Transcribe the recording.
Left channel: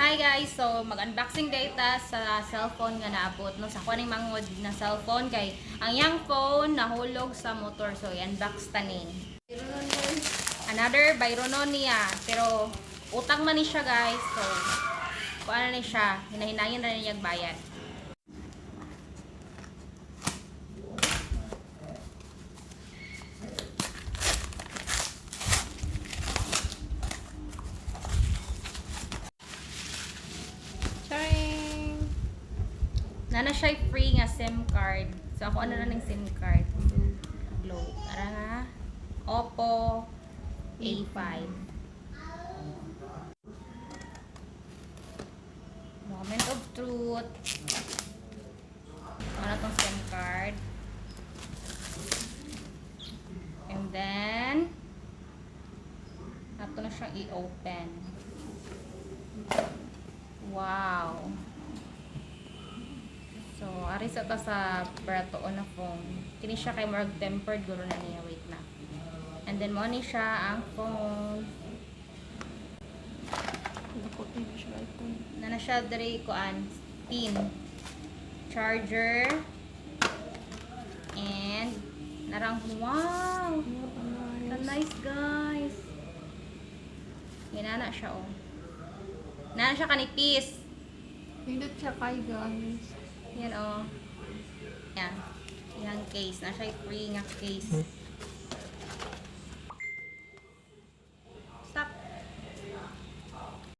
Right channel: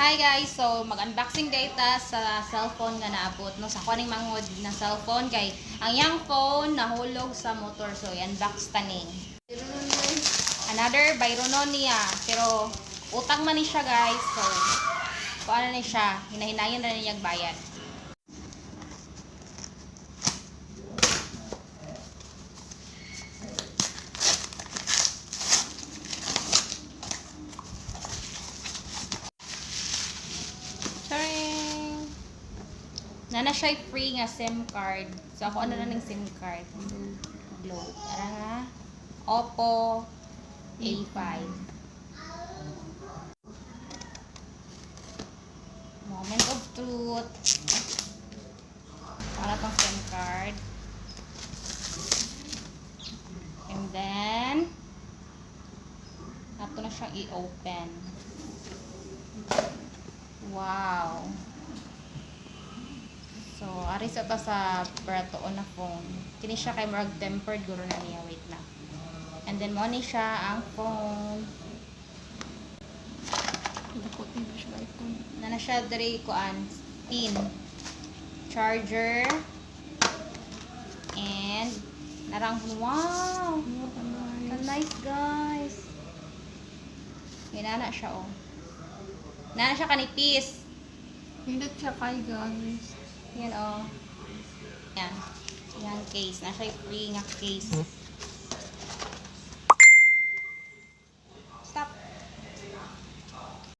Hi guys, so mag-unboxing data sa cellphone nga naabot no sa kuning mangod na cellphone kay ang yang phone nahulog sa motor, so i-unbox taning. Another Byronon niya, pero utang man ni siya guys, so paano ni siya, hinahinayan na niya bayad. Charing! Nana siya free nga SIM card. So ako ano na ng SIM card? Globe. Tara ha. Oppo A5. Moment of truth. Para tong SIM card. And then nato na siyang i-open. Wow. So, ari sa ta sa baratoon na phone. Kini siya kay murag tempered guro na niya. Wait na. And then mo ni siya ang phone. Dako tayo siya iPhone. Na siya diri kuan pin, charger, and narang wow. Nice guys. Ginana siya oh. Nana siya kanipis. Hindot siya kay guys. Yan oh. Yan. Yan case. Nasa free nga case.